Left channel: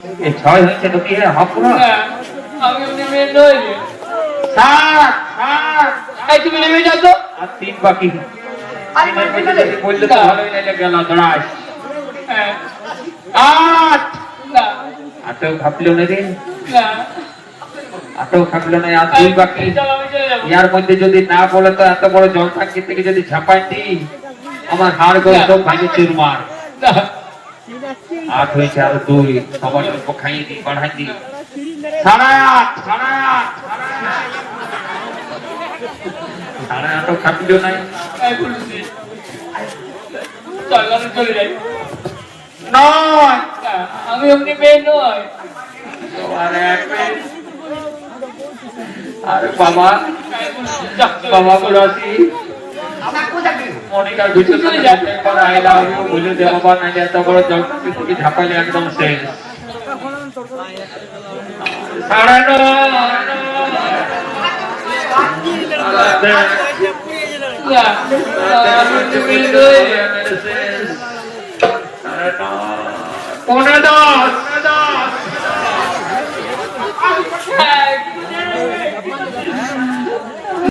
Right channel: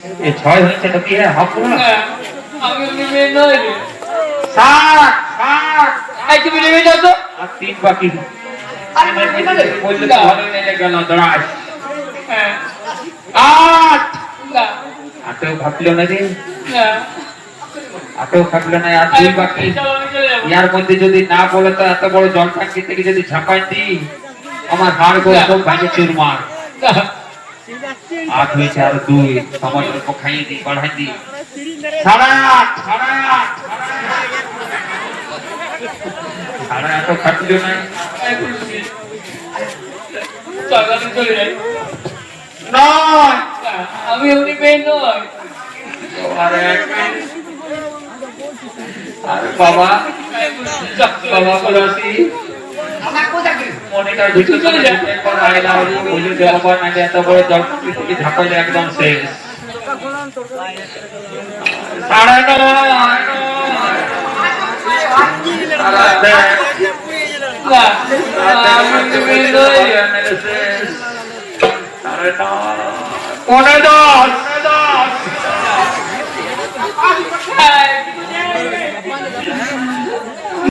এই ছয় হয়েছে তো কি হব না আমি উনি মেয়ে নই রে। সাত সাত এই তুমি নেমে যাও তো। আর তিন বাকি আরে মানে ঠিক আছে। বললে তো ভালো নেলে গেল দড়াই হ্যাঁ। আট না আটেও ভাবলো না রে না আটেও ভাবলো না আর দুই বাকি চল আমি চলে যাবো। ইয়ার মধ্যে যদি না বলে তো এত বড় জল টাঙ্কি থেকে যদি ঝাঁপাই দিই আমার হাড় গোড় সব ভাঙে চুরমার না আট হয়েছে আর দুই সবার অল্প খাইয়ে দিই বাড়াই দিই সাড়ে আট সাড়ে আট সাড়ে আটও খাটলো না এই বলছি। চল আমি চলে যাই। নয় না, আমি এমনি মেয়ে নই। আর এক আরে বাবা বাবা বলাসি মনিটার ভিতরে চলে যাচ্ছে একবার আইলা বলে দেওয়া না এত বড় জল থেকে ঝাঁপাইলে একদম শেষ সাড়ে নয় না, আমি এমনি মেয়ে নই। পনেরো